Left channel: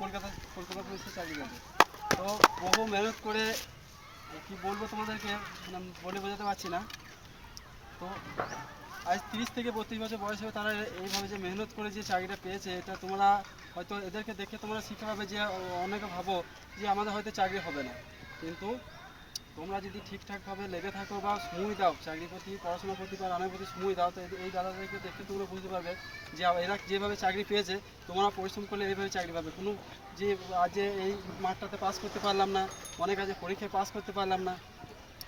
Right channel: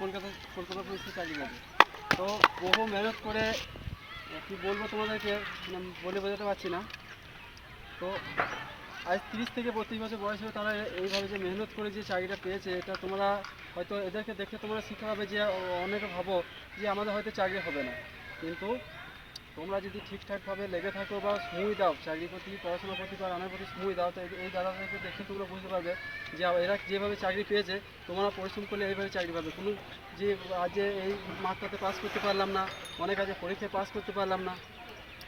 কলকাতা পুলিশে চাকরি করে। তো বহু মেহনত করে কী বলবো তোমাদেরকে, মানে বলে বোঝাতে পারছি না। তো আজ 30 থেকে 32 বছর বয়স হয়ে তারা এইভাবে যে মেহনত করে যে চাকরিটা পেয়েছে, এটা তোমরা হয়তো এদেরকে দেখে তোমরা শিক্ষা পাবে যে অনেকে ভাবো যে আমাদের হয়তো চাকরি হবে না, কিন্তু তোমরা যদি ঠিকঠাকভাবে লেগে থাকো বা সময় দাও চাকরির প্রতি, পড়াশোনার প্রতি বা রান্নার প্রতি সময় দাও, তো এই দাদাদেরকে দেখে তোমরা বুঝতে পারবে যে এরা যেভাবে চাকরি পেয়েছে তোমরা পরিশ্রম করলে এইভাবে চাকরি পাবে। কোনো যে আজ এই মার্কটাতে পাস করতে পারলাম না, অনেক আজ পরীক্ষায় পাস করতে পারলাম না,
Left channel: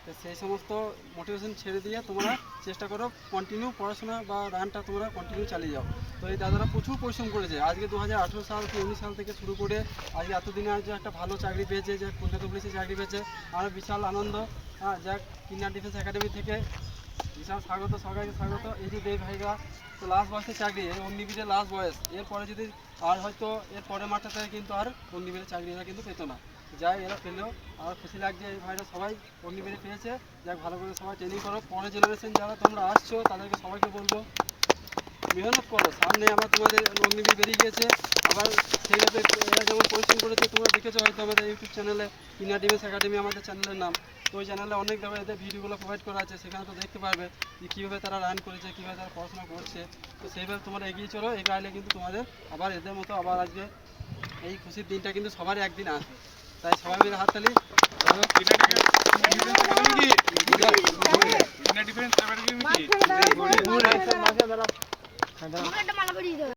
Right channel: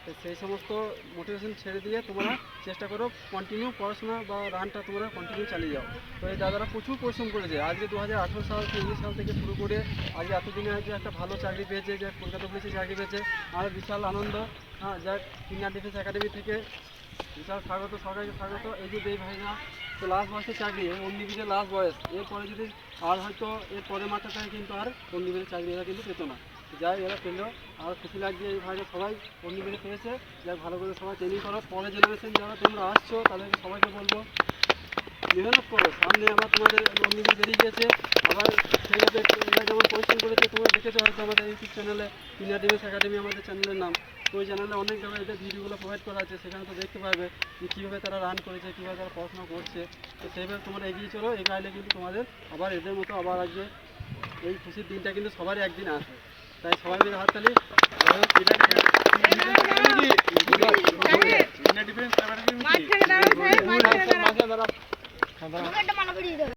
তো সেই সমস্ত মোটিভেশন ছেড়ে দিয়ে তোমরা চেষ্টা করো কন্টিনিউ পড়াশোনা বা রানটা তোমরা কন্টিনিউ চালিয়ে যাও। তো এই দাদারা প্রচুর পরিশ্রম করেছে, আজকে 2018 সাল থেকে 19 সাল থেকে শুরু করে আজকে এতদিনে আজকে একটা ভালো চাকরি পেয়েছে, যে কলকাতা পুলিশে চাকরি পেয়েছে। আমার বিশাল আনন্দ। যাক, ইন্ডিয়ান ডিফেন্স একাডেমি থেকে বিশাল স্বাগত, সবাইকে স্বাগত। এই যে দেব ভাইরা, তো লাস্ট বয়সের চাকরি, এই অগ্নিবীরের লাস্ট বয়স, এরপরে যদি আর হয়তো এর পরের মাত্রাতে কিন্তু আর অগ্নিবীরের চাকরি এরা কিন্তু পেতো না। যাই এরা পেলেও আর খুশি লাগছে, এই ভাইরা সবাই অগ্নিবীরে পেয়েছে। যাক, ভালো করে সবাই ট্রেনিং করো। পরের জেনারেশন যারা তোমরা আসছো তাদেরকে সবাইকে বলবো মেহনত করো, সামনে আবার তোমাদের অগ্নিবীর বেরিয়ে গিয়েছে। আবার সেইভাবে এরা যেমন পরিশ্রম করেছে তোমরা দেখেছো হয়তো আমাদের ইউটিউব চ্যানেলে, ইন্ডিয়ান ডিফেন্স একাডেমি আমাদের চ্যানেলের নাম। তো ওই চ্যানেলে অনেকভাবে এদের ভিডিওগুলো প্রোভাইড করা আছে, সেখানে তো দেখতে পারবে যে কীভাবে তারা রান করেছে, কীভাবে তারা পড়াশোনা করছে। তো সেইভাবে তোমরা এগিয়ে চলো, এগিয়ে কিন্তু তোমাদের আবার এদের মতো আবার আসবে। এই খুশির দিনটা কিন্তু সবারই একদিন আসবে, তাই সবাই মিলে হাততালি।